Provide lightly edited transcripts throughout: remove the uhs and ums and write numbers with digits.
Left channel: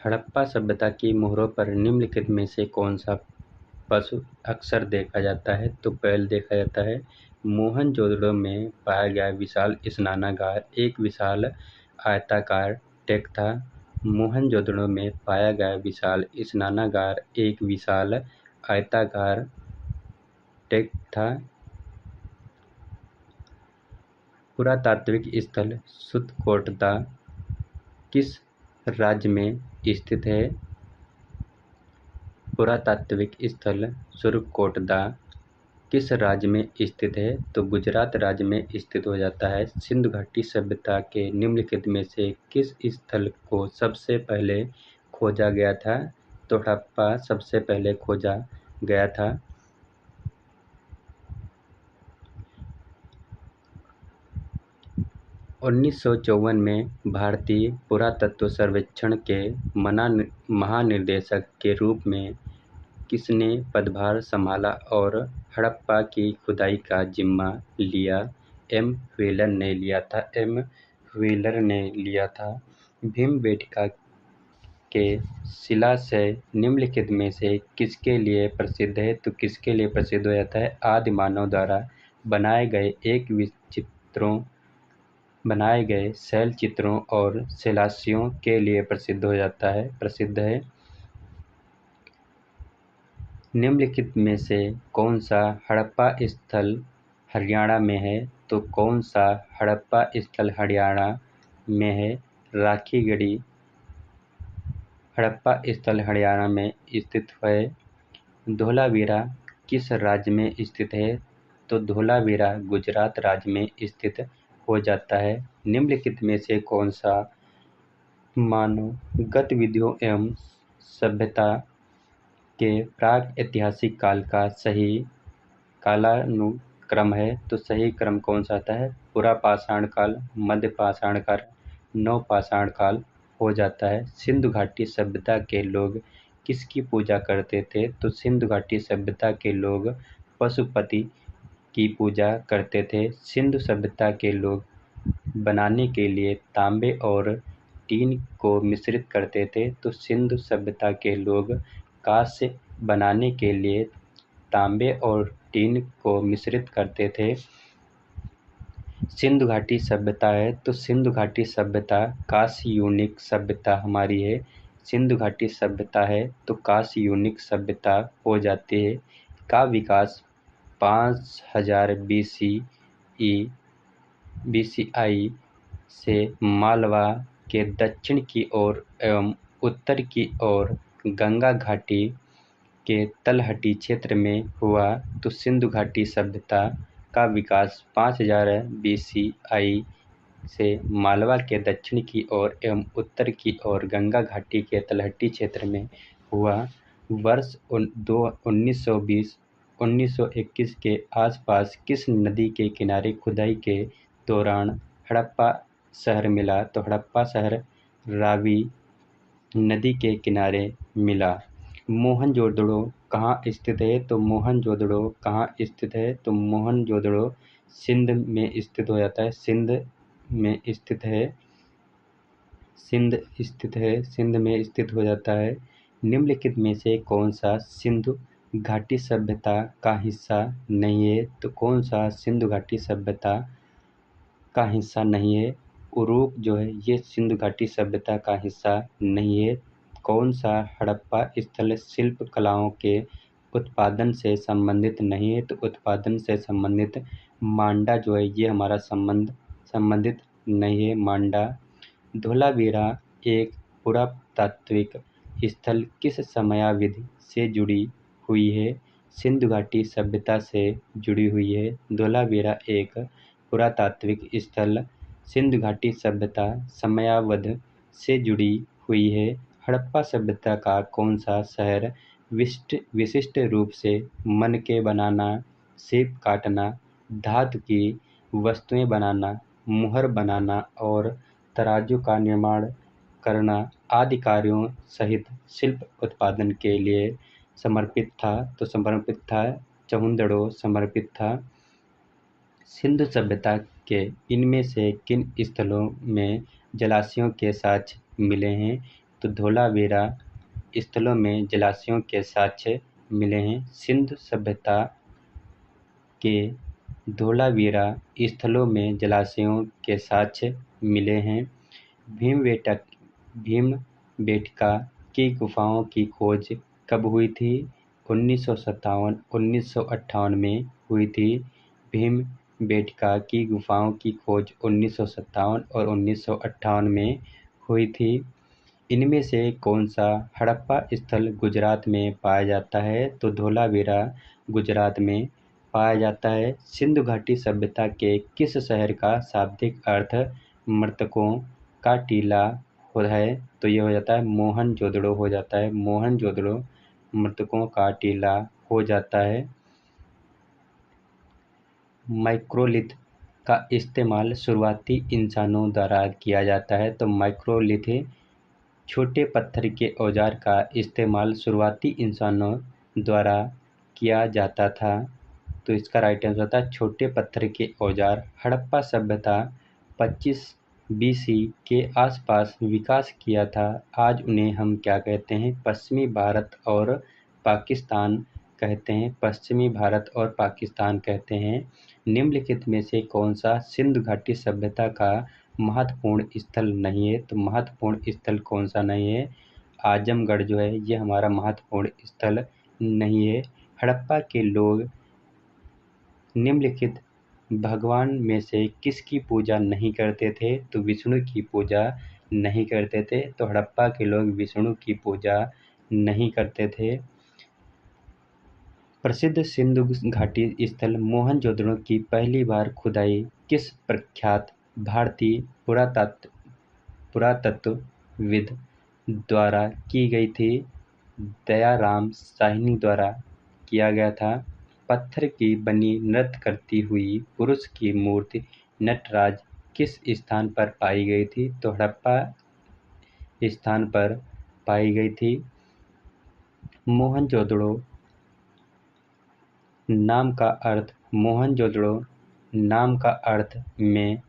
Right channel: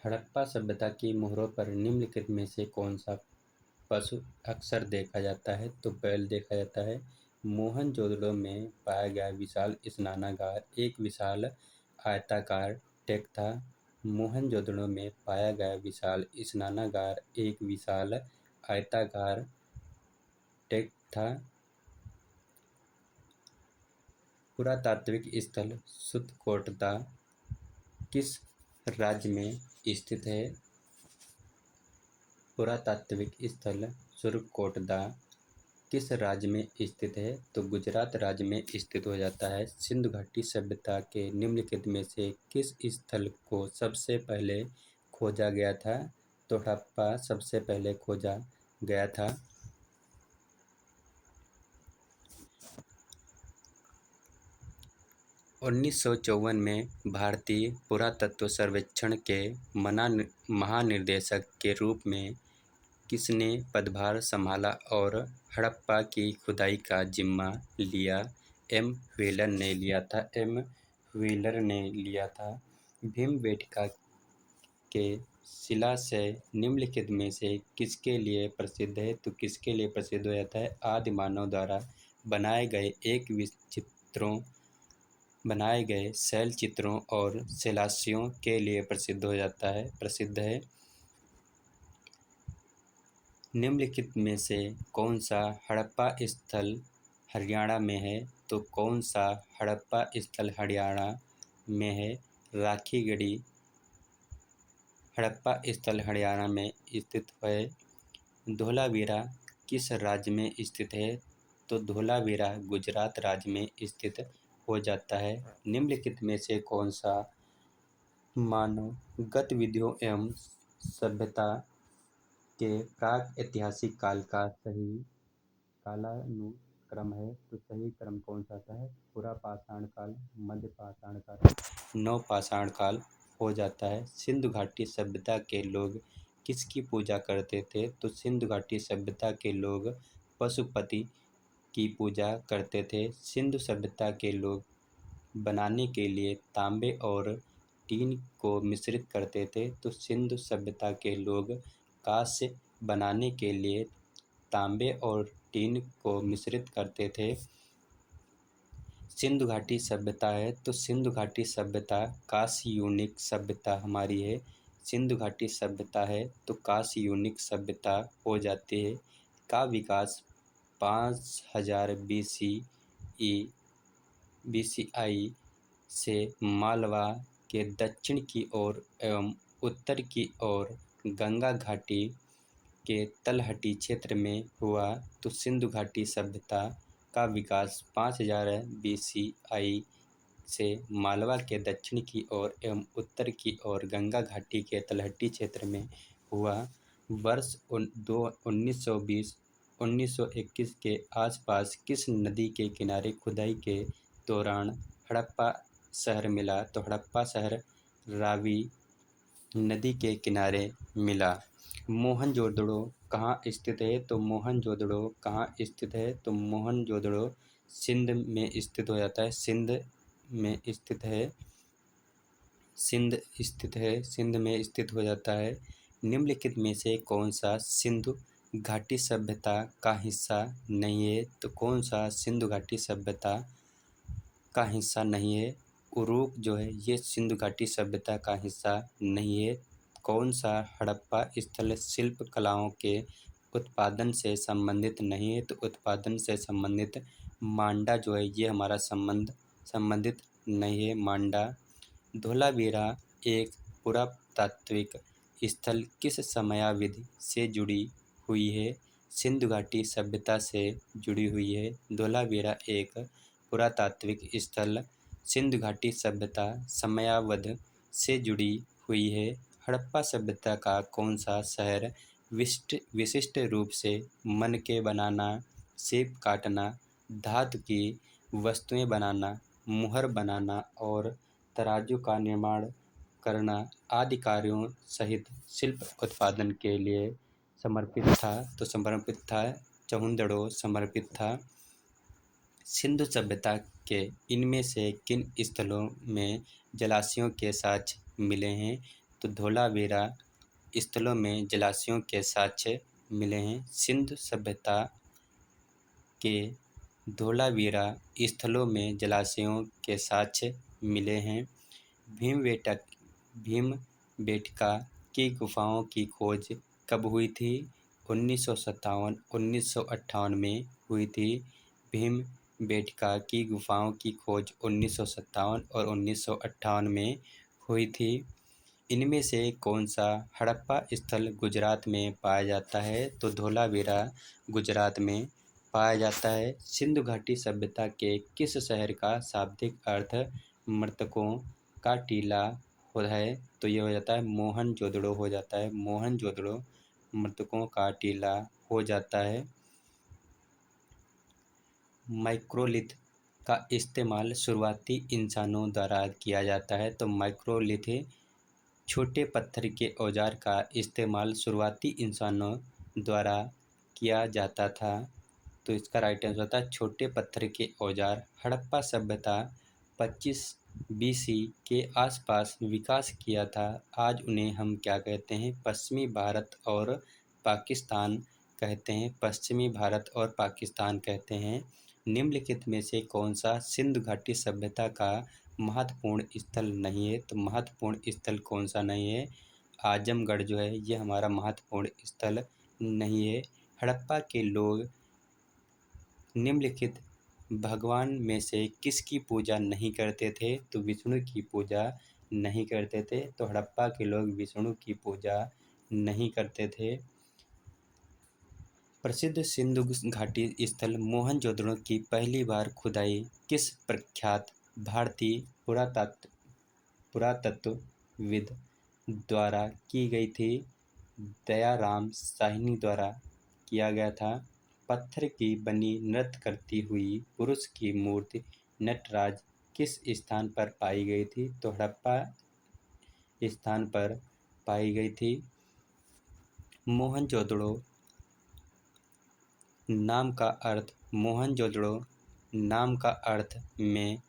हड़प्पा सभ्यता की मोहरों पर निम्नलिखित में से कौन सा पशु अक्सर देखा जाता है? तो बैल देखा जाता है। मोहनजोदड़ो में पाया गया विशाल स्नानागार एक विशाल आयताकार टैंक था। मोहनजोदड़ो में पाया गया विशाल स्नानागार एक विशाल आयताकार टैंक था। पुरातात्विक स्थल सुतकोटदा किस राज्य में स्थित है? पुरातात्विक स्थल सुरकोटदा किस राज्य में स्थित है? तो गुजरात राज्य में स्थित हो जाता है। सिंधु घाटी सभ्यता के निम्नलिखित में से किस स्थल को सबसे पहले खोजा गया था? तो हड़प्पा सबसे पहले खोजा गया था। 1954 में भारतीय पुरातत्व सर्वेक्षण के महानिदेशक के रूप में किसने पदभार संभाला और हड़प्पा की खुदाई का जिम्मा लिया? एम व्हीलर ने लिया था। भीमबेटका के शिलाशय निम्नलिखित में से किसके लिए प्रसिद्ध है? तो किसके लिए प्रसिद्ध हो जाता है? आदि मानव द्वारा बनाए गए शैल चित्रों और शिलान्यासों के लिए प्रसिद्ध है। निम्नलिखित में से कौन सा हड़प्पा स्थल हरियाणा में है? तो कौन सा हड़प्पा स्थल हरियाणा में है? राखीगढ़ी हड़प्पा स्थल हरियाणा में स्थित है। धोलावीरा किस राज्य में स्थित है? तो धोलावीरा गुजरात राज्य में स्थित हो जाता है। निम्नलिखित में से कौन सा मानव गतिविधियों एवं सभ्यता के प्राक ऐतिहासिक काल का सही कालानुक्रम है? तो सही क्रम कौन सा आता है? पुरापाषाण काल, मध्य पाषाण काल, नवपाषाण काल हो जाता है। सिंधु घाटी सभ्यता के लोग किसकी पूजा करते थे? तो सिंधु घाटी सभ्यता के लोग पशुपति की पूजा करते थे। सिंधु सभ्यता के लोग बनाने के लिए तांबे और टीन को मिश्रित करते थे। तो सिंधु सभ्यता के लोग कांस्य बनाने के लिए तांबे और टीन को मिश्रित करते थे। सिंधु घाटी सभ्यता है तो सिंधु घाटी सभ्यता कांस्य यूनिक सभ्यता हमारी है। सिंधु घाटी सभ्यता है तो कांस्य यूनिक सभ्यता हो जाती है। का विकास 5000 BCI से मालवा के दक्षिण की ओर एवं उत्तर की ओर गंगा घाटी के तलहटी क्षेत्र में हुआ। तो सिंधु घाटी सभ्यता का विकास 5000 BCI से मालवा के दक्षिण की ओर एवं उत्तर की ओर गंगा घाटी के तलहटी क्षेत्र में हुआ। वर्ष 1920-1921 के आसपास किस नदी के किनारे खुदाई के दौरान हड़प्पा शहर मिला? तो हड़प्पा शहर रावी नदी के किनारे मिला। मोहनजोदड़ो कहाँ स्थित है? तो मोहनजोदड़ो कहाँ स्थित है? तो मोहनजोदड़ो सिंध में स्थित हो जाता है। सिंध में स्थित हो जाता है। निम्नलिखित में से कौन सा सिंधु घाटी सभ्यता का हिस्सा नहीं है? तो कौन सा सिंधु घाटी सभ्यता का हिस्सा नहीं है? उरूक जो है ये सिंधु घाटी सभ्यता का हिस्सा नहीं है। कौन सा हड़प्पा स्थल शिल्प कलाओं के उत्पादन से संबंधित नहीं है? तो उत्पादन से संबंधित मांडा जो है ये हमारा संबंधित नहीं है। मांडा धोलावीरा एक पुरातात्विक स्थल किस समयावधि से जुड़ी हुई है? सिंधु घाटी सभ्यता से जुड़ी हुई है। धोलावीरा एक पुरातात्विक स्थल सिंधु घाटी सभ्यता समयावधि से जुड़ी हुई है। हड़प्पा सभ्यता का कौन सा शहर विशिष्ट रूप से मनके बनाना, सेब काटना, धातु की वस्तुएं बनाना, मुहर बनाना और तराजू का निर्माण करना आदि कार्यों सहित शिल्प उत्पादन के लिए समर्पित था? तो समर्पित था चहुंदड़ो समर्पित था। सिंधु सभ्यता के इनमें से किन स्थलों में जलाशयों के साक्ष्य मिले हैं? तो धोलावीरा स्थलों में जलाशयों के साक्ष्य मिले हैं। सिंधु सभ्यता के धोलावीरा स्थलों में जलाशयों के साक्ष्य मिले हैं। भीमबेटका की गुफाओं की खोज कब हुई थी? 1957-1958 में हुई थी। भीमबेटका की गुफाओं की खोज 1957 और 1958 में हुई थी। इनमें से कौन सा हड़प्पा स्थल गुजरात में पाया जाता है? तो धोलावीरा गुजरात में पाया जाता है। सिंधु घाटी सभ्यता के किस शहर का शाब्दिक अर्थ मृतकों का टीला है? तो ये हो जाता है मोहनजोदड़ो हो जाता है। मोहनजोदड़ो मृतकों का टीला हो जाता है। माइक्रोलिथ का इस्तेमाल शुरुआती इंसानों द्वारा किया जाता है। तो माइक्रोलिथ छोटे पत्थर के औजार का इस्तेमाल शुरुआती इंसानों द्वारा किया जाता था। तो इसका राइट आंसर होता है छोटे पत्थर के औजार। हड़प्पा सभ्यता 25 BC के आसपास विकास किया था। आज उन्हें हम क्या कहते हैं? पश्चिमी भारत और पाकिस्तान कहते हैं। पश्चिमी भारत और पाकिस्तान कहते हैं। निम्नलिखित में से कौन सा सिंधु घाटी सभ्यता का महत्वपूर्ण स्थल नहीं है? तो महत्वपूर्ण स्थल कौन सा नहीं है? आजमगढ़ जो है ये हमारा महत्वपूर्ण स्थल नहीं है। हड़प्पा के लोग निम्नलिखित भगवान में से किसकी पूजा नहीं करते थे? तो विष्णु की पूजा नहीं करते थे। तो हड़प्पा के लोग विष्णु की पूजा नहीं करते थे। प्रसिद्ध सिंधु घाटी स्थल मोहनजोदड़ो की पहली बार खुदाई किस प्रख्यात भारतीय पुरातत्वविद द्वारा की गई थी? दयाराम साहनी द्वारा किया गया था। पत्थर की बनी नृत्य करती हुई पुरुष की मूर्ति नटराज किस स्थान पर पाई गई थी? तो हड़प्पा स्थान पर पाई गई थी। मोहनजोदड़ो नाम का अर्थ में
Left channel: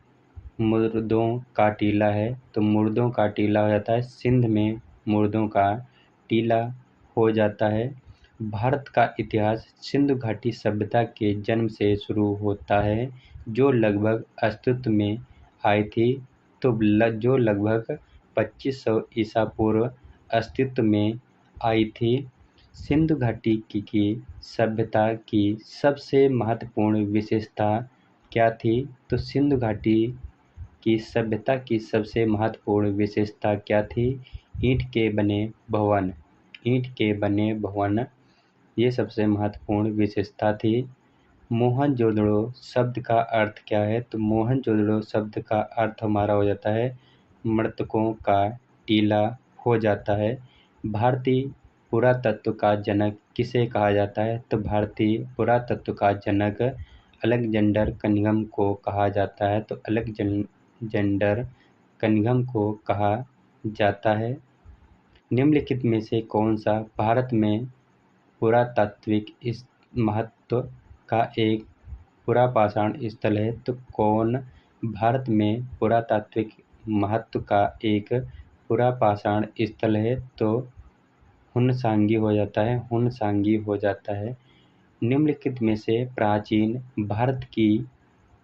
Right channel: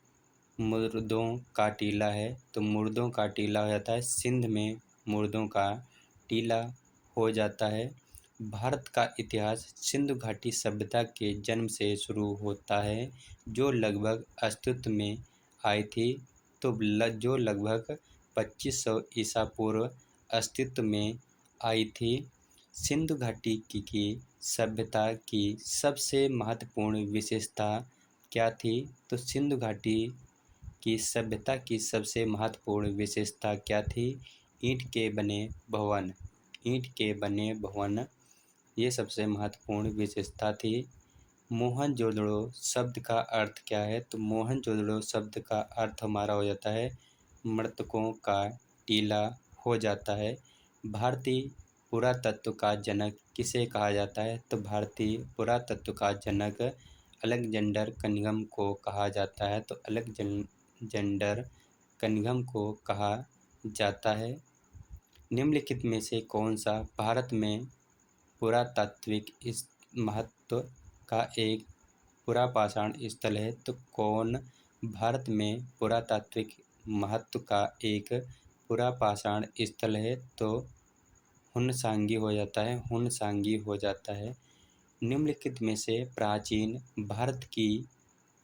मुर्दों का टीला है। तो मुर्दों का टीला हो जाता है। सिंध में मुर्दों का टीला हो जाता है। भारत का इतिहास सिंधु घाटी सभ्यता के जन्म से शुरू होता है जो लगभग अस्तित्व में आई थी। तो जो लगभग 2500 ईसा पूर्व अस्तित्व में आई थी। सिंधु घाटी की सभ्यता की सबसे महत्वपूर्ण विशेषता क्या थी? तो सिंधु घाटी की सभ्यता की सबसे महत्वपूर्ण विशेषता क्या थी? ईंट के बने भवन ये सबसे महत्वपूर्ण विशेषता थी। मोहनजोदड़ो शब्द का अर्थ क्या है? तो मोहनजोदड़ो शब्द का अर्थ हमारा हो जाता है मृतकों का टीला हो जाता है। भारतीय पुरातत्व का जनक किसे कहा जाता है? तो भारतीय पुरातत्व का जनक अलेक्जेंडर कनिंघम को कहा जाता है। तो अलेक्जेंडर कनिंघम को कहा जाता है। निम्नलिखित में से कौन सा भारत में पुरातात्विक महत्व का एक पुरापाषाण स्थल है? तो कौन भारत में पुरातात्विक महत्व का एक पुरापाषाण स्थल है? तो हुनसांगी हो जाता है। हुनसांगी हो जाता है। निम्नलिखित में से प्राचीन भारत की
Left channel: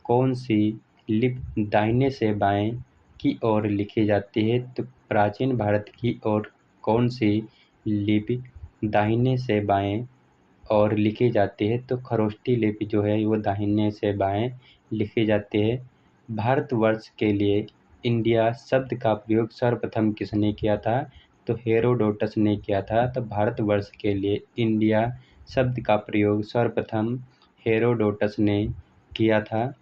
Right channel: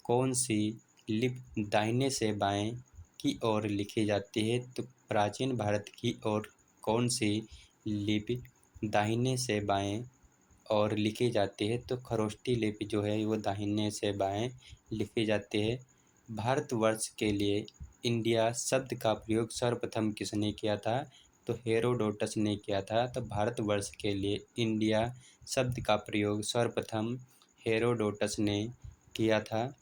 कौन सी लिपि दाहिने से बाएं की ओर लिखी जाती है? तो प्राचीन भारत की ओर कौन सी लिपि दाहिने से बाएं और लिखी जाती है? तो खरोष्टी लिपि जो है वो दाहिने से बाएं लिखी जाती है। भारतवर्ष के लिए इंडिया शब्द का प्रयोग सर्वप्रथम किसने किया था? तो हेरोडोटस ने किया था। तो भारतवर्ष के लिए इंडिया शब्द का प्रयोग सर्वप्रथम हेरोडोटस ने किया था।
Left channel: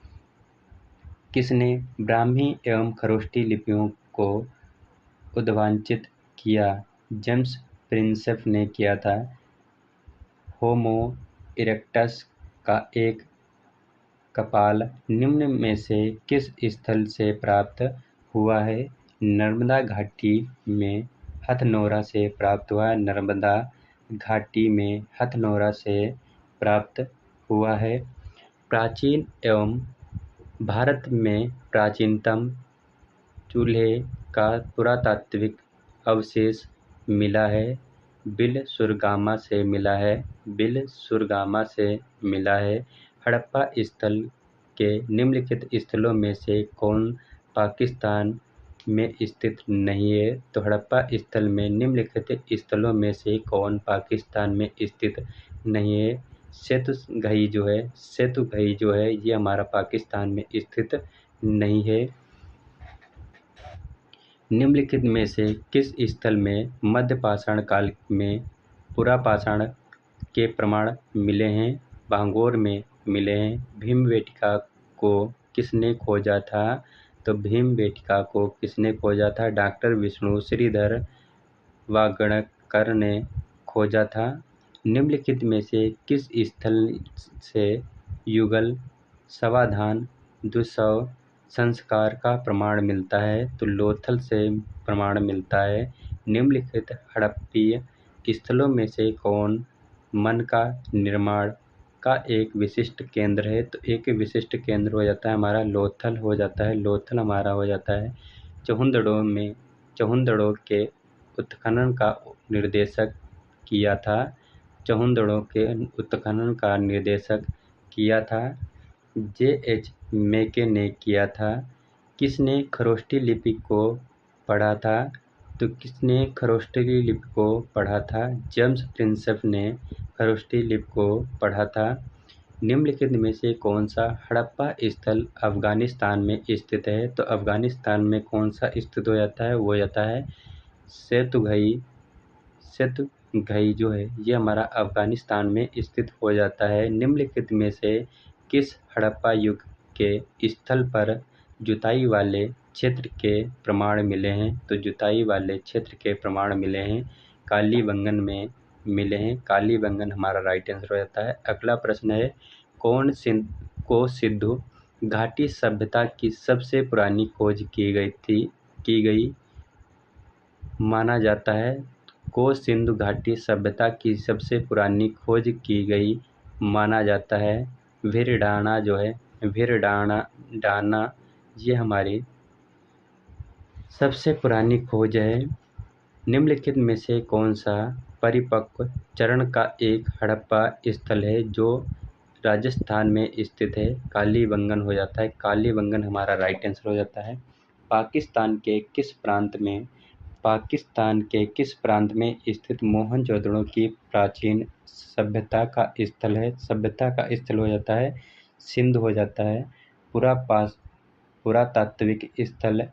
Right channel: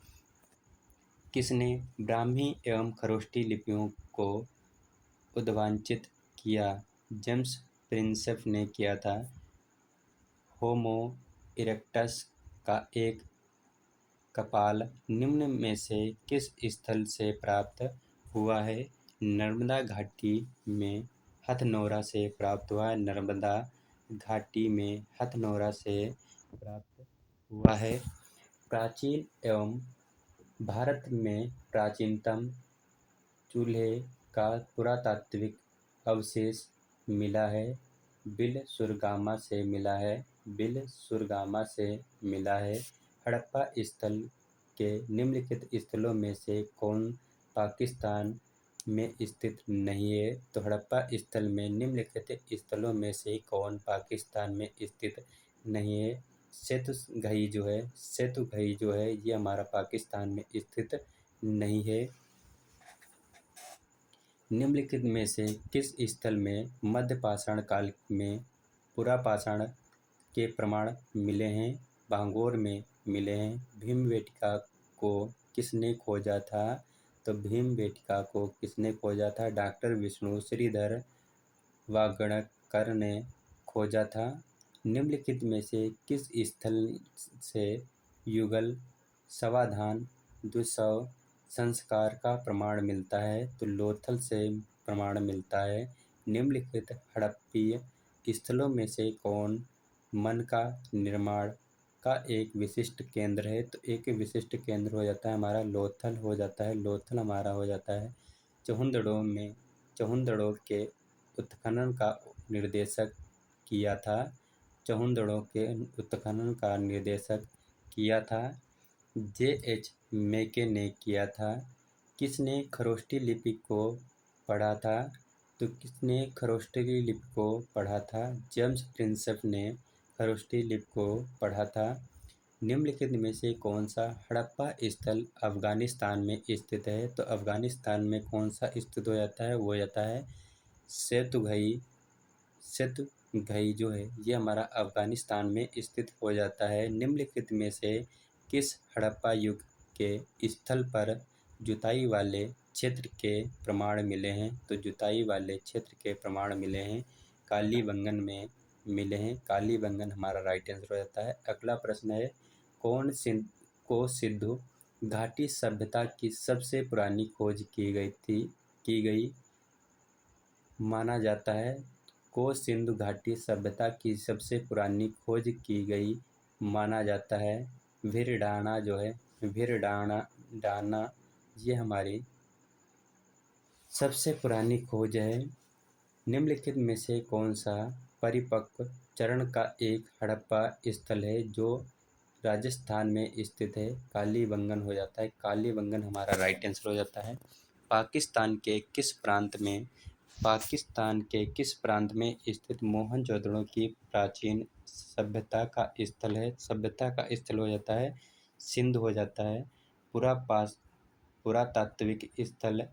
किसने ब्राह्मी एवं खरोष्टी लिपियों को उद्भावित किया? जेम्स प्रिंसेप ने किया था। होमो इरेक्टस का एक कपाल निम्न में से किस स्थल से प्राप्त हुआ है? नर्मदा घाटी में हथनोरा से प्राप्त हुआ है। नर्मदा घाटी में हथनोरा से प्राप्त हुआ है। प्राचीन एवं भारत में प्राचीनतम चूल्हे का पुरातात्विक अवशेष मिला है? बिल सुरगामा से मिला है। बिल सुरगामा से मिला है। हड़प्पा स्थल के निम्नलिखित स्थलों में से कौन पाकिस्तान में स्थित नहीं है? तो हड़प्पा स्थल में निम्नलिखित स्थलों में से कौन पाकिस्तान में स्थित नहीं है? सेतुघई जो है ये हमारा पाकिस्तान में स्थित नहीं है। निम्नलिखित में से किस स्थल में मध्य पाषाण काल में पुरापाषाण के प्रमाण मिले हैं? भांगोर में मिले हैं। भीमबेटका को किसने खोजा था? तो भीमबेटका को किसने खोजा था? डॉक्टर विष्णु श्रीधर वागणकर ने खोजा था। निम्नलिखित में से किस स्थल से युगल, समाधान, दुष्सव संस्कार का प्रमाण मिलता है? तो लोथल से प्रमाण मिलता है। निम्नलिखित हड़प्पीय स्थलों में से कौन मन का निर्माण का एक विशिष्ट केंद्र है? तो एक विशिष्ट केंद्र हो जाता है हमारा लोथल हो जाता है। लोथल हमारा हो जाता है। चहुंदड़ों के उत्खनन का निर्देशक किया था। चहुंदड़ों के उत्खनन का निर्देशक किया था J.H. मेके ने किया था। किसने खरोष्टी लिपि को पढ़ा था? तो किसने खरोष्टी लिपि को पढ़ा था? जेम्स प्रिंसेप ने खरोष्टी लिपि को पढ़ा था। निम्नलिखित में से कौन सा हड़प्पा स्थल अफगानिस्तान में स्थित है? तो अफगानिस्तान में कौन सा स्थित हो जाता है? वो हो जाता है सेतुघई जो है ये हमारा अफगानिस्तान में स्थित हो जाता है। निम्नलिखित में से किस हड़प्पा युग के स्थल पर जुताई वाले क्षेत्र के प्रमाण मिले हैं? तो जुताई वाले क्षेत्र के प्रमाण मिले हैं कालीबंगन में मिले हैं। कालीबंगन हमारा राइट आंसर हो जाता है। अगला प्रश्न है कौन सिंधु घाटी सभ्यता की सबसे पुरानी खोज की गई माना जाता है? को सिंधु घाटी सभ्यता की सबसे पुरानी खोज की गई माना जाता है भिरडाना जो है डाना ये हमारी सबसे पुरानी खोज है। निम्नलिखित में से कौन सा परिपक्व चरण का एक हड़प्पा स्थल है जो राजस्थान में स्थित है? कालीबंगन हो जाता है। कालीबंगन हमारा राइट आंसर हो जाता है। पाकिस्तान के किस प्रांत में स्थित मोहनजोदड़ो की प्राचीन सभ्यता का स्थल है? सभ्यता का स्थल हो जाता है सिंध हो जाता है। पुरातात्विक स्थल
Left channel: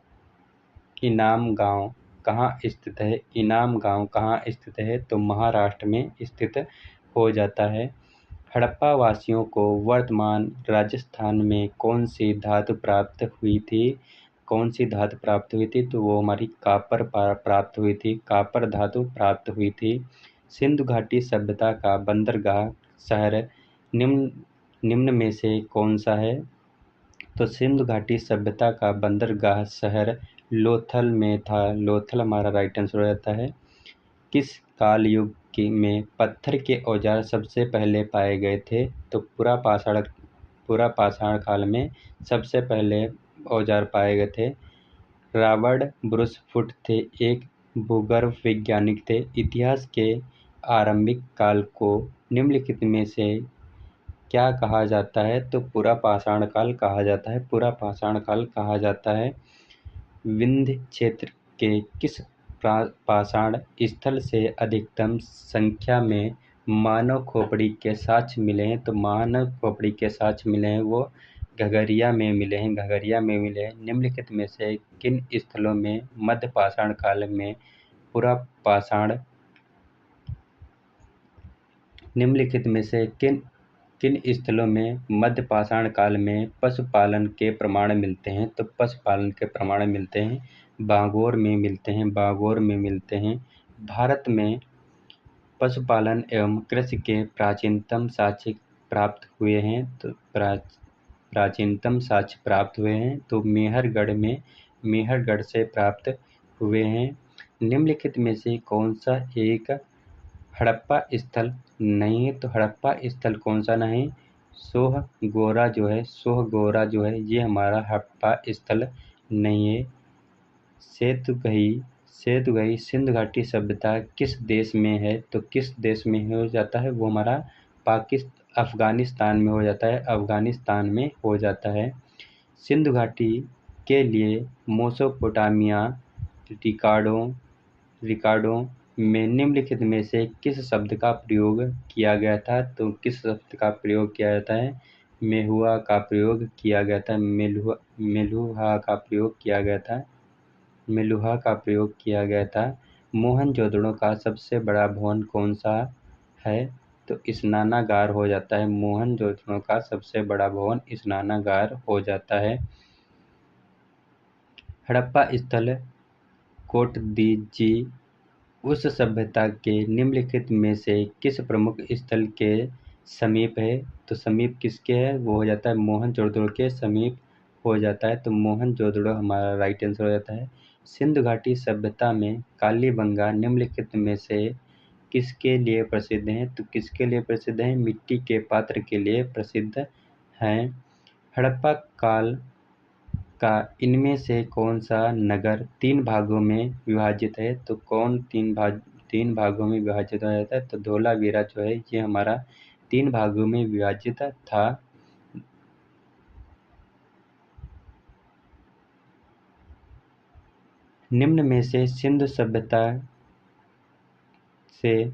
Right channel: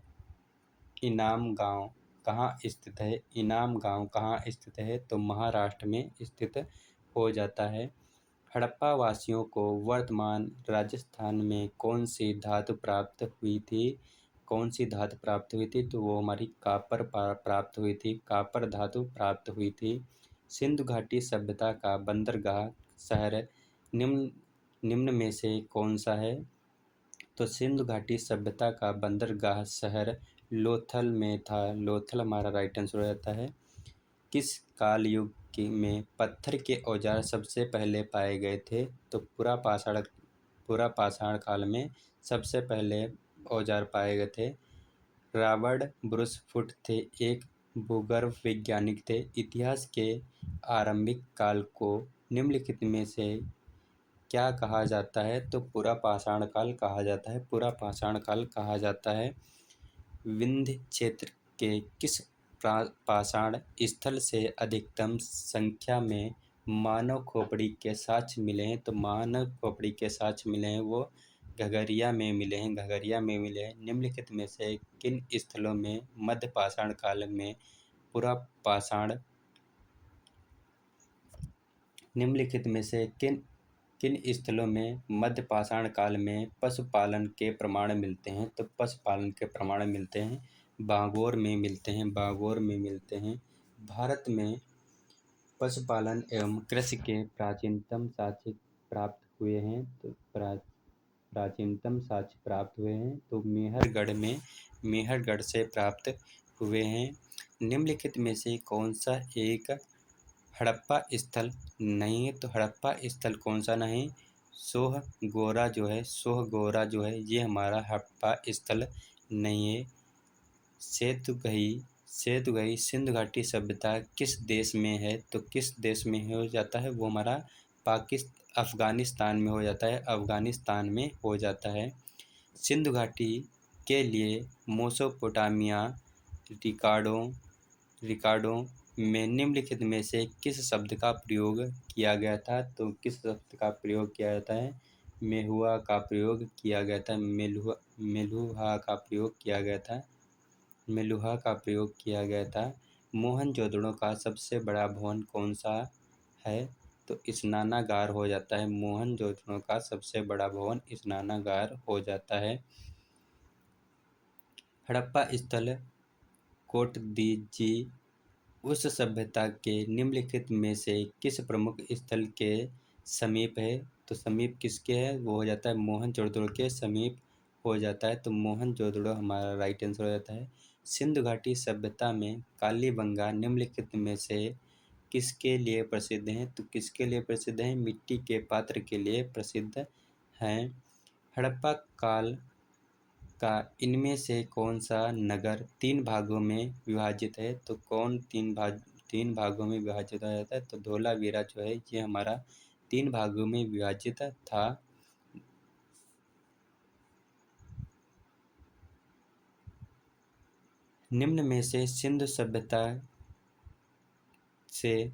इनाम गांव कहाँ स्थित है? इनाम गांव कहाँ स्थित है? तो महाराष्ट्र में स्थित हो जाता है। हड़प्पा वासियों को वर्तमान राजस्थान में कौन सी धातु प्राप्त हुई थी? कौन सी धातु प्राप्त हुई थी? तो वो हमारी कापर प्राप्त हुई थी। कापर धातु प्राप्त हुई थी। सिंधु घाटी सभ्यता का बंदरगाह शहर निम्न में से कौन सा है? तो सिंधु घाटी सभ्यता का बंदरगाह शहर लोथल में था। लोथल हमारा राइट आंसर हो जाता है। किस काल युग में पत्थर के औजार सबसे पहले पाए गए थे? तो पुरापाषाण काल में सबसे पहले औजार पाए गए थे। रॉबर्ट ब्रूस फुट थे एक भूगर्भ वैज्ञानिक थे। इतिहास के आरंभिक काल को निम्नलिखित में से क्या कहा जाता है? तो पुरापाषाण काल कहा जाता है। पुरापाषाण काल कहा जाता है। विंध्य क्षेत्र के किस पाषाण स्थल से अधिकतम संख्या में मानव खोपड़ी के साक्ष्य मिले हैं? तो मानव खोपड़ी के साक्ष्य मिले हैं वो घगरिया में मिले हैं। घगरिया में मिले हैं। निम्नलिखित में से किन स्थलों में मध्य पाषाण काल में पुरापाषाण निम्नलिखित में से किन स्थलों में मध्य पाषाण काल में पशुपालन के प्रमाण मिलते हैं? तो पशुपालन के प्रमाण मिलते हैं बागोर में मिलते हैं। बागोर में मिलते हैं। भारत में पशुपालन एवं कृषि के प्राचीनतम साक्ष्य प्राप्त हुए हैं। तो प्राचीनतम साक्ष्य प्राप्त हुए हैं तो मेहरगढ़ से प्राप्त हुए हैं। निम्नलिखित में से कौन सा एक हड़प्पा स्थल नहीं है? तो हड़प्पा स्थल कौन सा नहीं? सोहगोरा जो है ये हमारा हड़प्पा स्थल नहीं है। सेतु गई सिंधु घाटी सभ्यता किस देश में है? तो किस देश में हो जाता है? वो हमारा अफगानिस्तान में हो जाता है, अफगानिस्तान में हो जाता है। सिंधु घाटी के लिए मेसोपोटामिया रिकॉर्डों में निम्नलिखित में से किस शब्द का प्रयोग किया गया था? तो किस शब्द का प्रयोग किया जाता है? मेहुआ का प्रयोग किया गया था। मेलुहा का प्रयोग किया गया था। मेलुहा का प्रयोग किया गया था। मोहनजोदड़ो का सबसे बड़ा भवन कौन सा है? तो स्नानागार हो जाता है। मोहनजोदड़ो का सबसे बड़ा भवन स्नानागार हो जाता है। हड़प्पा स्थल कोटदीजी उस सभ्यता के निम्नलिखित में से किस प्रमुख स्थल के समीप है? तो समीप किसके है? वो हो जाता है मोहनजोदड़ो के समीप हो जाता है। तो मोहनजोदड़ो हमारा राइट आंसर हो जाता है। सिंधु घाटी सभ्यता में कालीबंगा निम्नलिखित में से किसके लिए प्रसिद्ध है? तो किसके लिए प्रसिद्ध है? मिट्टी के पात्र के लिए प्रसिद्ध हैं। हड़प्पा काल का इनमें से कौन सा नगर 3 भागों में विभाजित है? तो कौन 3 भागों में विभाजित हो जाता है? तो धोलावीरा जो है ये हमारा 3 भागों में विभाजित था। निम्न में से सिंधु सभ्यता से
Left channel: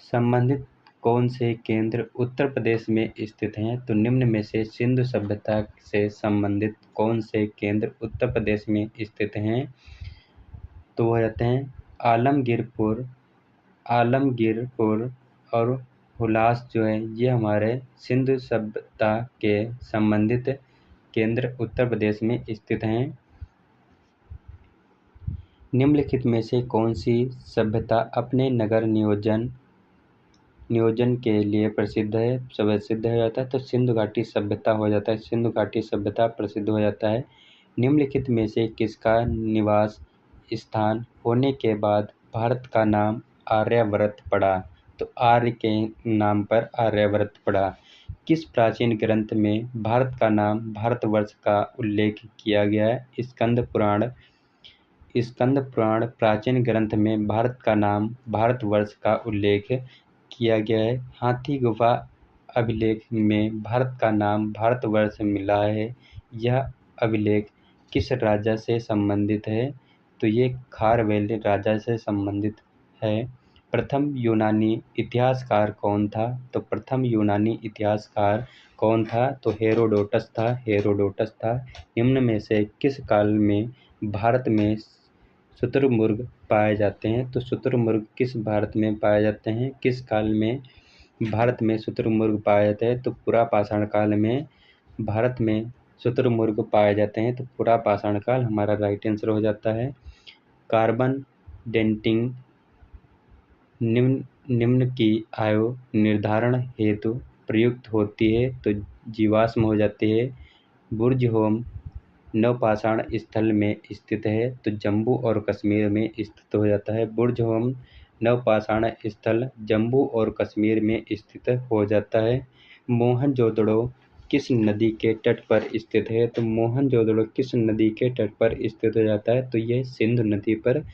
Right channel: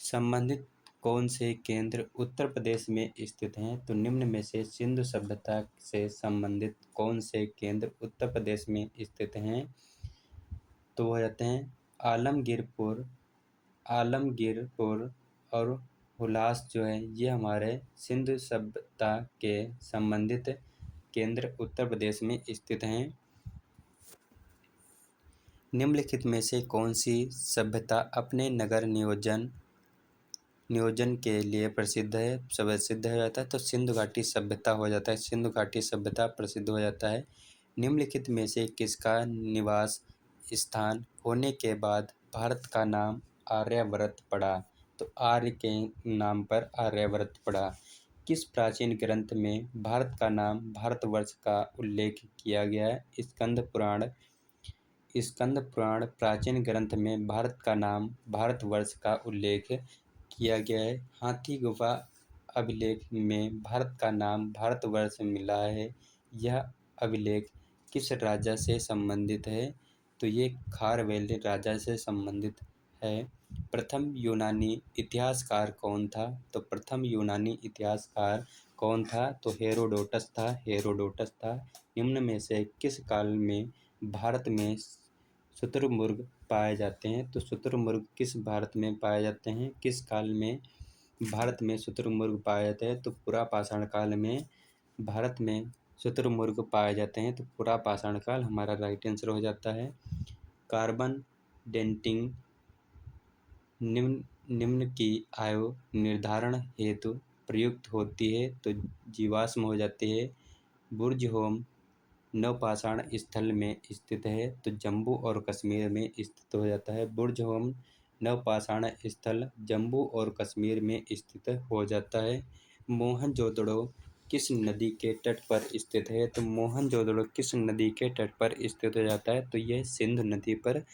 संबंधित कौन से केंद्र उत्तर प्रदेश में स्थित हैं? तो निम्न में से सिंधु सभ्यता से संबंधित कौन से केंद्र उत्तर प्रदेश में स्थित हैं? तो वो रहते हैं आलमगीरपुर और हुलास जो है ये हमारे सिंधु सभ्यता के संबंधित केंद्र उत्तर प्रदेश में स्थित हैं। निम्नलिखित में से कौन सी सभ्यता अपने नगर नियोजन के लिए प्रसिद्ध हो जाता है? तो सिंधु घाटी सभ्यता हो जाता है। सिंधु घाटी सभ्यता प्रसिद्ध हो जाता है। निम्नलिखित में से किसका निवास स्थान होने के बाद भारत का नाम आर्यावर्त पड़ा? तो आर्य के नाम पर आर्यावर्त पड़ा। किस प्राचीन ग्रंथ में भारत का नाम भारतवर्ष का उल्लेख किया गया है? स्कंद पुराण प्राचीन ग्रंथ में भारत का नाम भारतवर्ष का उल्लेख किया गया है। हाथी गुफा अभिलेख में भारत का नाम भारतवर्ष मिला है। यह अभिलेख किस राजा से संबंधित है? तो ये खारवेल राजा से संबंधित है। प्रथम यूनानी इतिहासकार कौन था? तो प्रथम यूनानी इतिहासकार कौन था? तो हेरोडोटस था। निम्न में से किस काल में भारत में शुतुरमुर्ग पाए जाते हैं? तो शुतुरमुर्ग किस भारत में पाए जाते हैं? किस काल में भारत में शुतुरमुर्ग पाए जाते हैं? तो पुरा पाषाण काल में भारत में शुतुरमुर्ग पाए जाते हैं। तो पुरा पाषाण काल हमारा राइट आंसर हो जाता है। कार्बन डेटिंग निम्न की आयु निर्धारण हेतु प्रयुक्त होती है? तो जीवाश्म हो जाती है। बुर्ज होम नवपाषाण स्थल में स्थित है? तो जम्मू और कश्मीर में स्थित हो जाता है। बुर्ज होम नवपाषाण स्थल जम्मू और कश्मीर में स्थित हो जाता है। मोहनजोदड़ो किस नदी के तट पर स्थित है? तो मोहनजोदड़ो किस नदी के तट पर स्थित हो जाता है? तो यह सिंधु नदी पर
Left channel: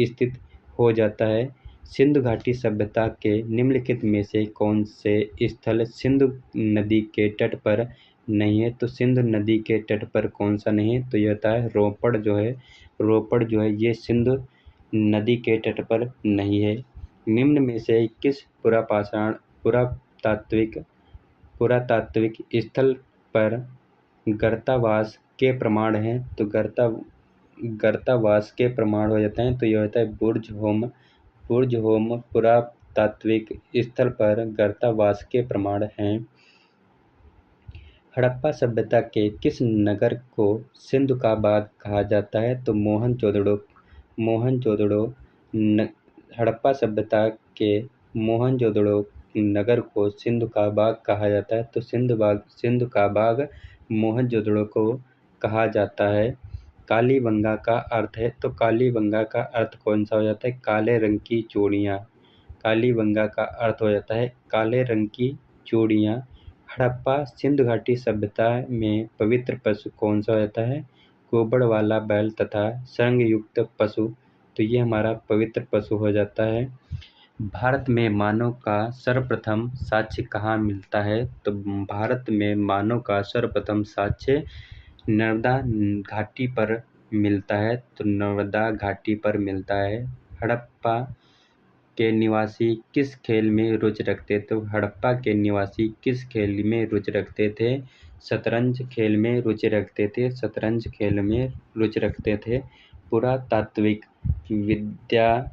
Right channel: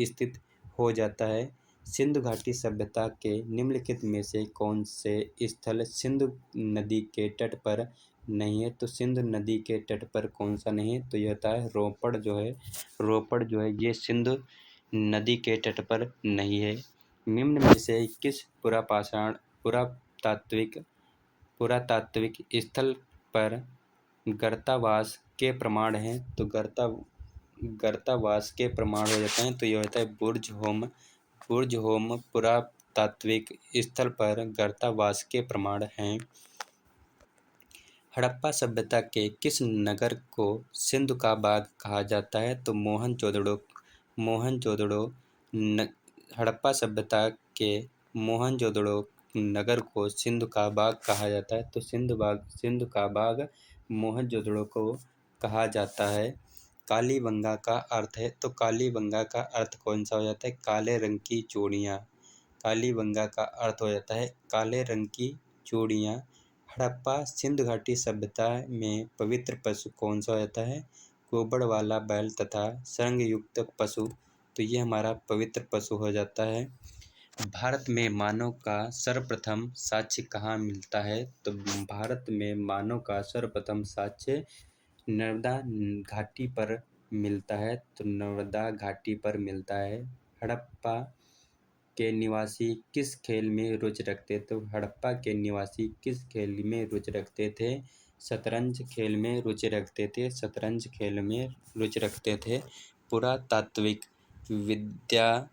स्थित हो जाता है। सिंधु घाटी सभ्यता के निम्नलिखित में से कौन से स्थल सिंधु नदी के तट पर नहीं है? तो सिंधु नदी के तट पर कौन सा नहीं है? तो यह होता है रोपड़ जो है ये सिंधु नदी के तट पर नहीं है। निम्न में से किस पुरातात्विक स्थल पर गर्तावास के प्रमाण हैं? तो गर्तावास के प्रमाण हो जाते हैं। तो यह होता है बुर्ज होम पुरातात्विक स्थल पर गर्तावास के प्रमाण हैं। हड़प्पा सभ्यता के किस नगर को सिंधु का बाग कहा जाता है? तो मोहनजोदड़ो हड़प्पा सभ्यता के मोहनजोदड़ो नगर को सिंधु का बाग कहा जाता है। तो सिंधु का बाग मोहनजोदड़ो को कहा जाता है। कालीबंगा का अर्थ है? तो कालीबंगा का अर्थ कौन सा हो जाता है? काले रंग की चूड़ियाँ। कालीबंगा का अर्थ हो जाता है काले रंग की चूड़ियाँ। हड़प्पा सिंधु घाटी सभ्यता में पवित्र पशु कौन सा हो जाता है? गोबर वाला बैल तथा संग युक्त पशु, तो ये हमारा पवित्र पशु हो जाता है। भारत में मानव का सर्वप्रथम साक्ष्य कहाँ मिलता है? तो भारत में मानव का सर्वप्रथम साक्ष्य नर्मदा घाटी पर मिलता है। तो नर्मदा घाटी पर मिलता है। हड़प्पा के निवासी किस खेल में रुचि रखते थे? तो हड़प्पा के निवासी किस खेल में रुचि रखते थे? शतरंज खेल में रुचि रखते थे। शतरंज खेल में रुचि रखते थे। पुरातात्विक विद्या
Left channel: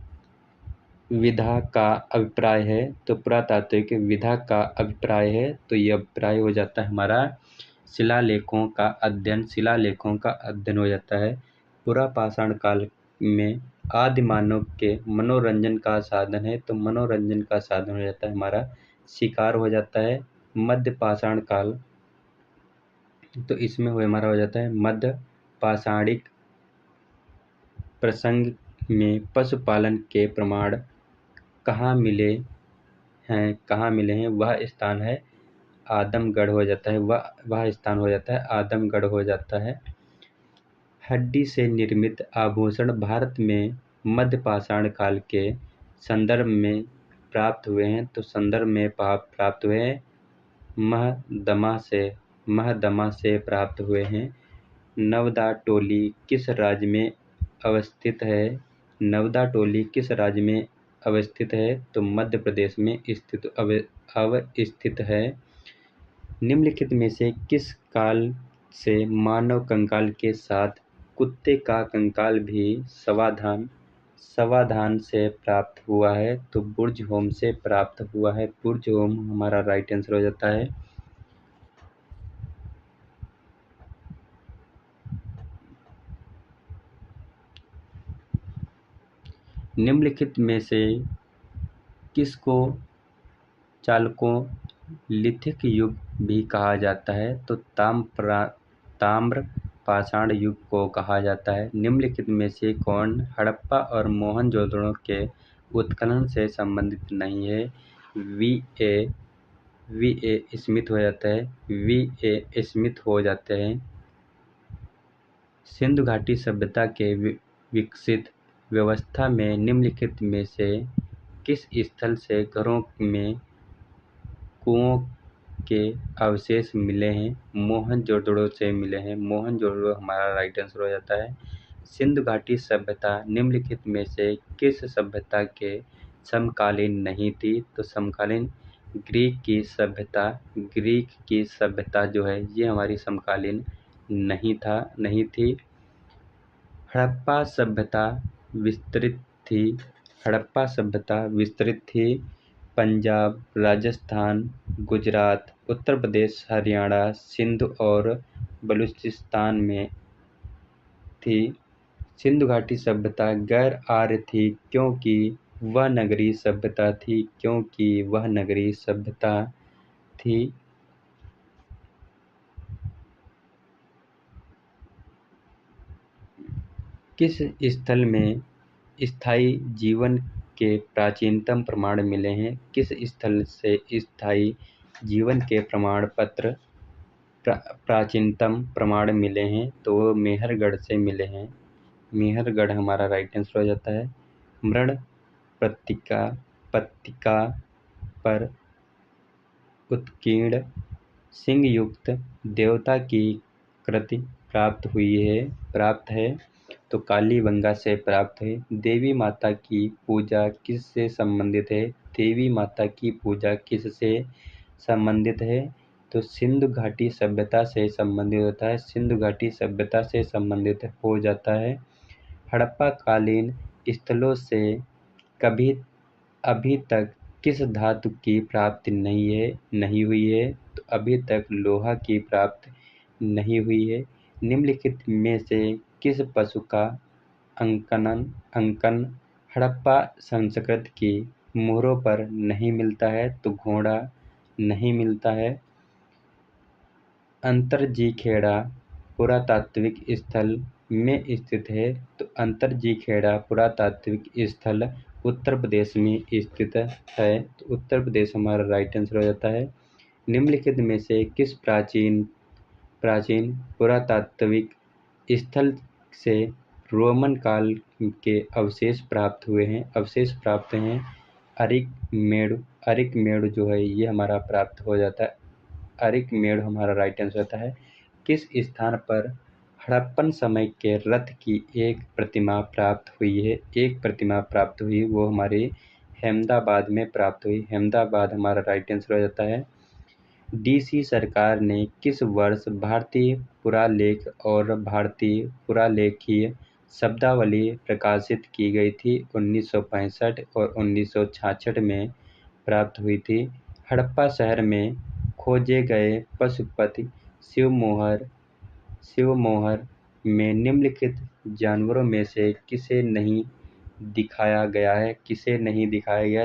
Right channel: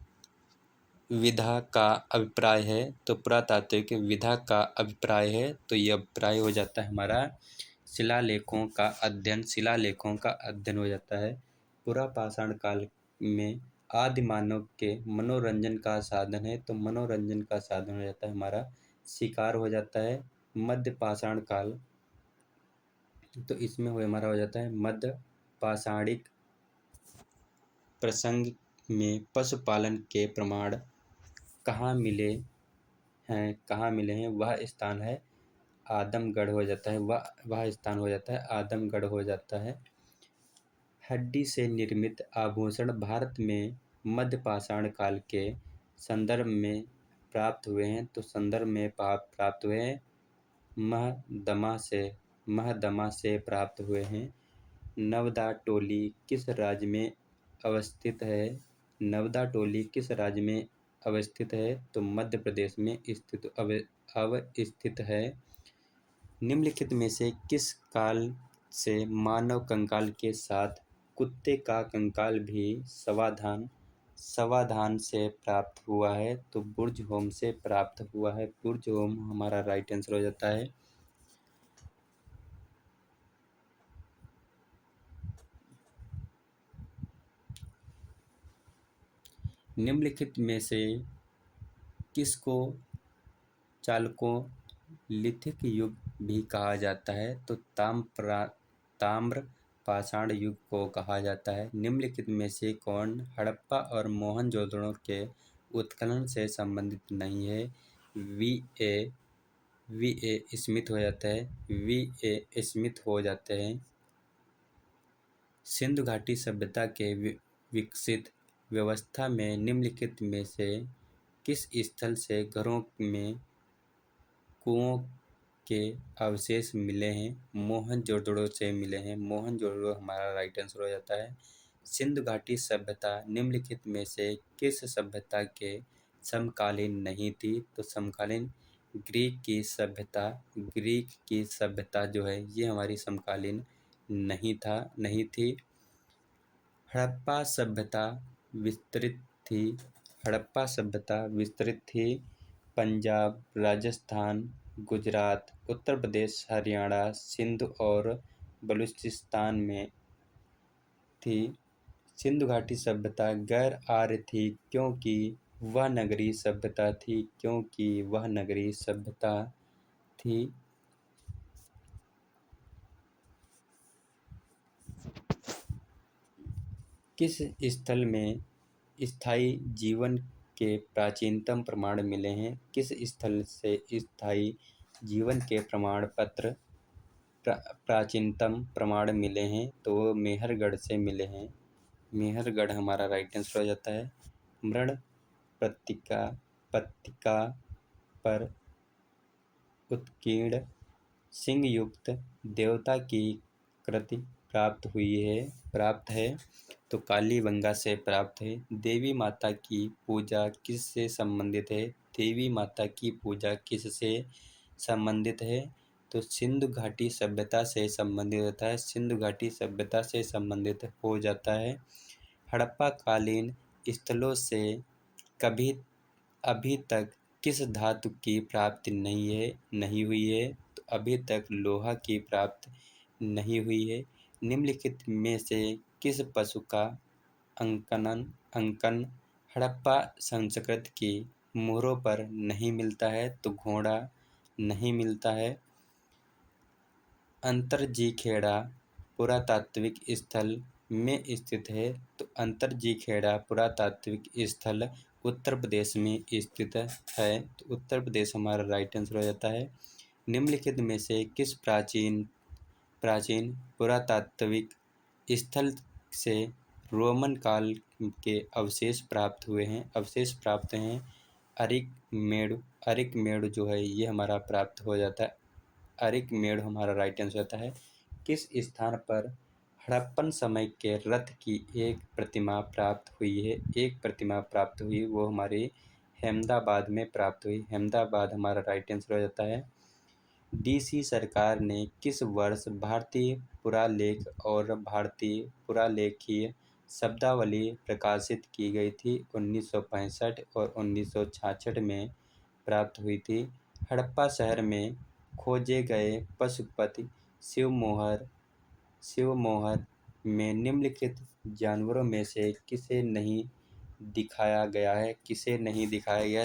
विधा का अभिप्राय है। तो पुरातात्विक विधा का अभिप्राय है, तो ये अभिप्राय हो जाता है हमारा शिलालेखों का अध्ययन। शिलालेखों का अध्ययन हो जाता है। पुरापाषाण काल में आदि मानव के मनोरंजन का साधन है। तो मनोरंजन का साधन हो जाता है हमारा शिकार हो जाता है। मध्य पाषाण काल, तो इसमें हमारा हो जाता है मध्य पाषाणिक प्रसंग में पशुपालन के प्रमाण कहाँ मिले हैं? वह स्थान है आदमगढ़ हो जाता है। वह स्थान हो जाता है आदमगढ़ हो जाता है। हड्डी से निर्मित आभूषण भारत में मध्य पाषाण काल के संदर्भ में प्राप्त हुए हैं। तो संदर्भ में प्राप्त हुए हैं महदमा से प्राप्त हुए हैं। नवदा टोली किस राज्य में अवस्थित है? नवदा टोली किस राज्य में अवस्थित है? तो मध्य प्रदेश में अवस्थित है। निम्नलिखित में से किस काल से मानव कंकाल के साथ कुत्ते का कंकाल भी समाधान से प्राप्त हुआ है? तो बुर्ज होम से प्राप्त हुआ है। बुर्ज होम हमारा राइट आंसर हो जाता है। निम्नलिखित में से किसको चालकों लिथिक युग भी कहा जाता है? तो ताम्र पाषाण युग को कहा जाता है। निम्नलिखित में से कौन हड़प्पा और मोहनजोदड़ो के उत्खनन से संबंधित नहीं है? वी ए स्मिथ हो जाता है। वी ए स्मिथ हो जाते हैं। सिंधु घाटी सभ्यता के विकसित व्यवस्था में निम्नलिखित में से किस स्थल से घरों में कुओं के अवशेष मिले हैं? मोहनजोदड़ो से मिले हैं। मोहनजोदड़ो हमारा राइट आंसर हो जाता है। सिंधु घाटी सभ्यता निम्नलिखित में से किस सभ्यता के समकालीन नहीं थी? तो समकालीन ग्रीक की सभ्यता जो है ये हमारी समकालीन नहीं थी। हड़प्पा सभ्यता विस्तृत थी। पंजाब, राजस्थान, गुजरात, उत्तर प्रदेश, हरियाणा, सिंध और बलूचिस्तान में थी। सिंधु घाटी सभ्यता गैर आर्य थी क्योंकि वह नगरीय सभ्यता थी। किस स्थल में स्थायी जीवन के प्राचीनतम प्रमाण मिले हैं? किस स्थल से स्थायी जीवन के प्रमाण पत्र प्राचीनतम प्रमाण मिले हैं? तो मेहरगढ़ से मिले हैं। मेहरगढ़ हमारा राइट आंसर हो जाता है। मृण पत्तिका पर उत्कीर्ण सिंह युक्त देवता की कृति प्राप्त है। तो कालीबंगा से प्राप्त है। देवी माता की पूजा किससे संबंधित है? देवी माता की पूजा किससे संबंधित है? तो सिंधु घाटी सभ्यता से संबंधित होता है। सिंधु घाटी सभ्यता से संबंधित हो जाता है। हड़प्पा कालीन स्थलों से अभी तक किस धातु की प्राप्ति नहीं हुई है? तो अभी तक लोहा की प्राप्ति नहीं हुई है। निम्नलिखित में से किस पशु का अंकन हड़प्पा संस्कृति की मोहरों पर नहीं मिलता है? तो घोड़ा नहीं मिलता है। अंतरजीखेड़ा पुरातात्विक स्थल में स्थित है। तो अंतरजीखेड़ा पुरातात्विक स्थल उत्तर प्रदेश में स्थित है। तो उत्तर प्रदेश हमारा राइट आंसर हो जाता है। निम्नलिखित में से किस प्राचीन पुरातात्विक स्थल से रोमन काल के अवशेष प्राप्त हुए हैं। अरिकमेड़ जो है ये हमारा प्राप्त हो जाता है। अरिकमेड़ हमारा राइट आंसर होता है। किस स्थान पर हड़प्पन समय के रथ की एक प्रतिमा प्राप्त हुई है? वो हमारे अहमदाबाद में प्राप्त हुई। अहमदाबाद हमारा राइट आंसर हो जाता है। डीसी सरकार ने किस वर्ष भारतीय पुरालेख और भारतीय पुरालेखीय शब्दावली प्रकाशित की गई थी? 1965 और 1966 में प्राप्त हुई थी। हड़प्पा शहर में खोजे गए पशुपति शिवमोहर में निम्नलिखित जानवरों में से किसे नहीं दिखाया गया है?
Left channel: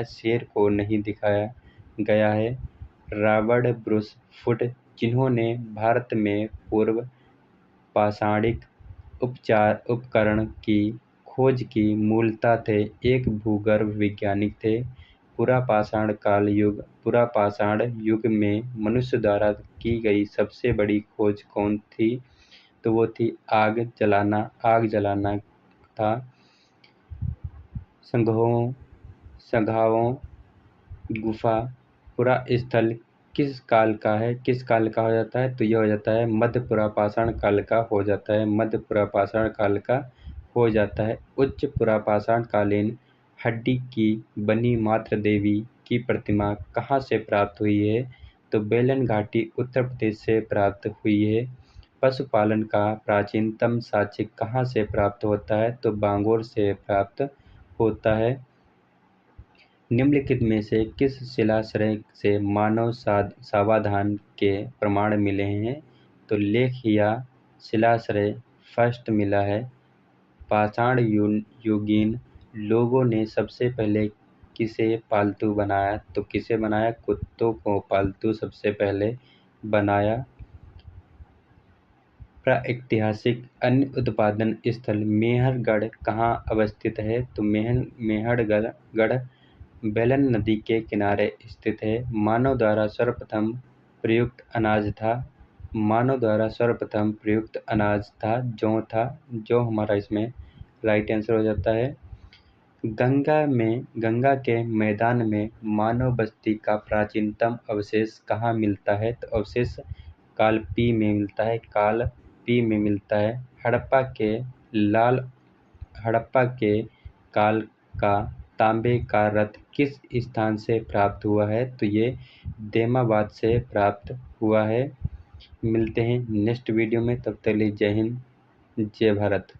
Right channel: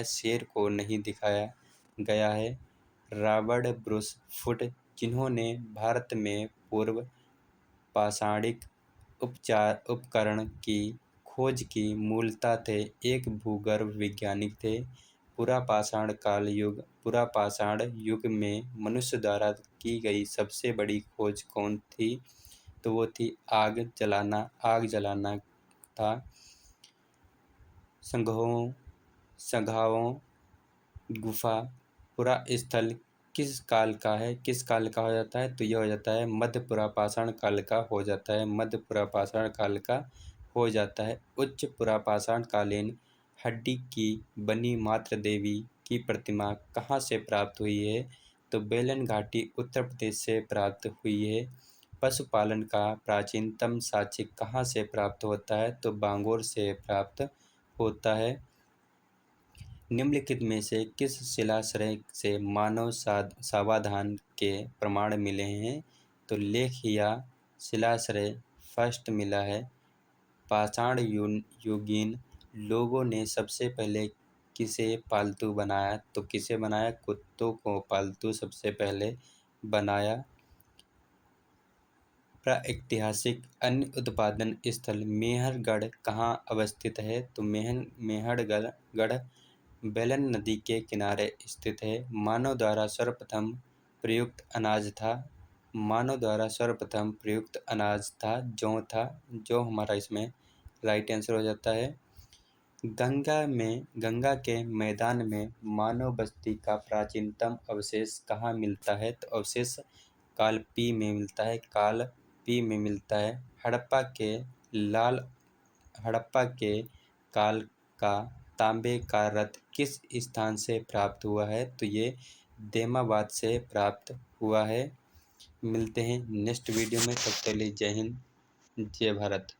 शेर को नहीं दिखाया गया है। रॉबर्ट ब्रूस फुट, जिन्होंने भारत में पूर्व पाषाणिक उपकरण की खोज की, मूलतः थे एक भूगर्भ वैज्ञानिक थे। पुरा पाषाण युग में मनुष्य द्वारा की गई सबसे बड़ी खोज कौन थी? तो वो थी आग जलाना था। संघाओं गुफा पुरा स्थल किस काल का हो जाता है? तो यह हो जाता है मध्य पुरापाषाण काल का हो जाता है। उच्च पुरापाषाण कालीन हड्डी की बनी मातृ देवी की प्रतिमा कहाँ से प्राप्त हुई है? तो बेलन घाटी उत्तर प्रदेश से प्राप्त हुई है। पशुपालन का प्राचीनतम साक्ष्य कहाँ से प्राप्त होता है? तो बांगोर से प्राप्त होता है। निम्नलिखित में से किस शिलाश्रय से मानव सावधान के प्रमाण मिले हैं? तो लेखिया शिलाश्रय फर्स्ट मिला है। पाषाण युगीन लोगों ने सबसे पहले किसे पालतू बनाया? तो किसे बनाया? कुत्तों को पालतू सबसे पहले बनाया। प्रागैतिहासिक अन्य उत्पादन स्थल मेहरगढ़ कहाँ अवस्थित है? तो मेहरगढ़ बेलन नदी के किनारे स्थित है। मानव द्वारा सर्वप्रथम प्रयुक्त अनाज था जौ था। जौ हमारा इसमें राइट आंसर हो जाता है। गंगा के मैदान में मानव बस्ती का प्राचीनतम अवशेष कहाँ मिलता है? तो अवशेष काल पी में मिलता है। हड़प्पा के काल का तांबे का रथ किस स्थान से प्राप्त हुआ है? तो ये देमाबाद से प्राप्त हुआ है। मिलते हैं नेक्स्ट वीडियो में, तब तक के लिए जय हिंद जय भारत।